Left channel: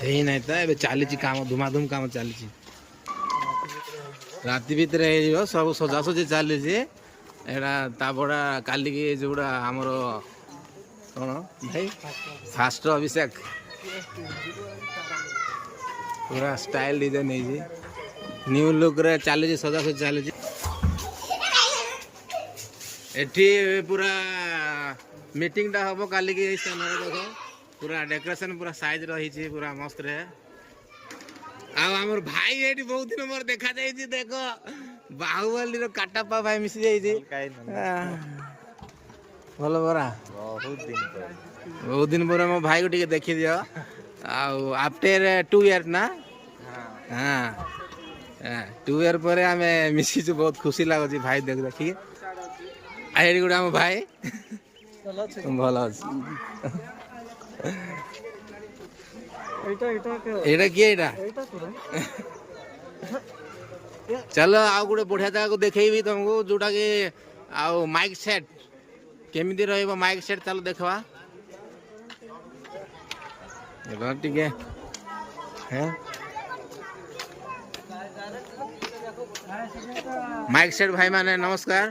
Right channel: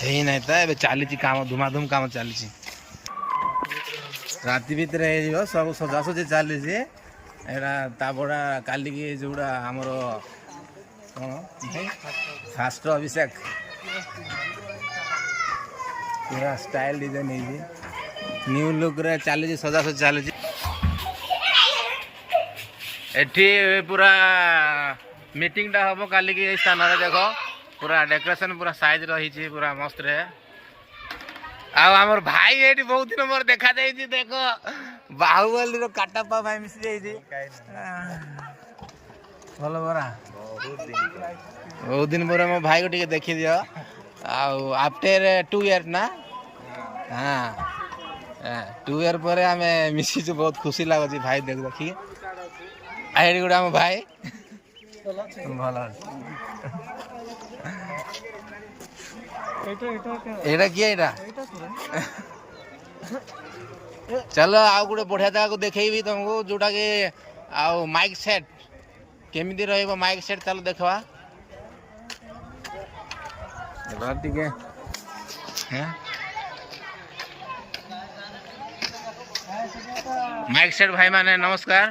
ହେଇ ନାଇଁ ତ ଏବେ ଚାଲିଛି କାମ ଧୁମାଧୁମ କାମ ଚାଲିଛି ରାତି ଭିତରେ ହେଇଯିବ ସବୁ ସଜାସଜି ଚାଲିଛି ଏଇଟା ତାପଡ଼ା କାଲିକି ଯୋଉଟା ଆମର କ'ଣ ଭାଇ ଫାଷ୍ଟ ଅଭିଷେକ ପୁରା ଷ୍ଟାଇଲ ଡିଜାଇନ ହେଇଛି ନ୍ୟୁ ଲୁକ୍ରେ ଚାଲିଛି ସଜାସଜି ଚାଲିଛି ଏଠି ପୁରା ମିଟିଂଟା ହବ କାଲିକି ଏଇ ସ୍ଥାନରେ ଦେଖ पूरा डेकोरेशन पूरा साइज रही पूरा मस्त रे आमर भाई ये बहुत दिन मोर देखा जाइए देख बाहुबली काटापा भाई मिसी जाइए भल परा बहुत दिन पर मो भाई को टे देखी दियो आफ्टर 2 इयर्स ना हाँ 2 इयर पर आम मिसी बहुत खुशी लगुच भाई देख देखी आई गोटे आम भाई भल अच्छे एटा किए एटा चलो आउ गोटे बढ़िया जगह देखी तुमको जोटा कि आउ माइक सेट केमिति रहइबो माइक सेट चलो देखवा टिके हैं माइक सेट भाई माने नमस्कार।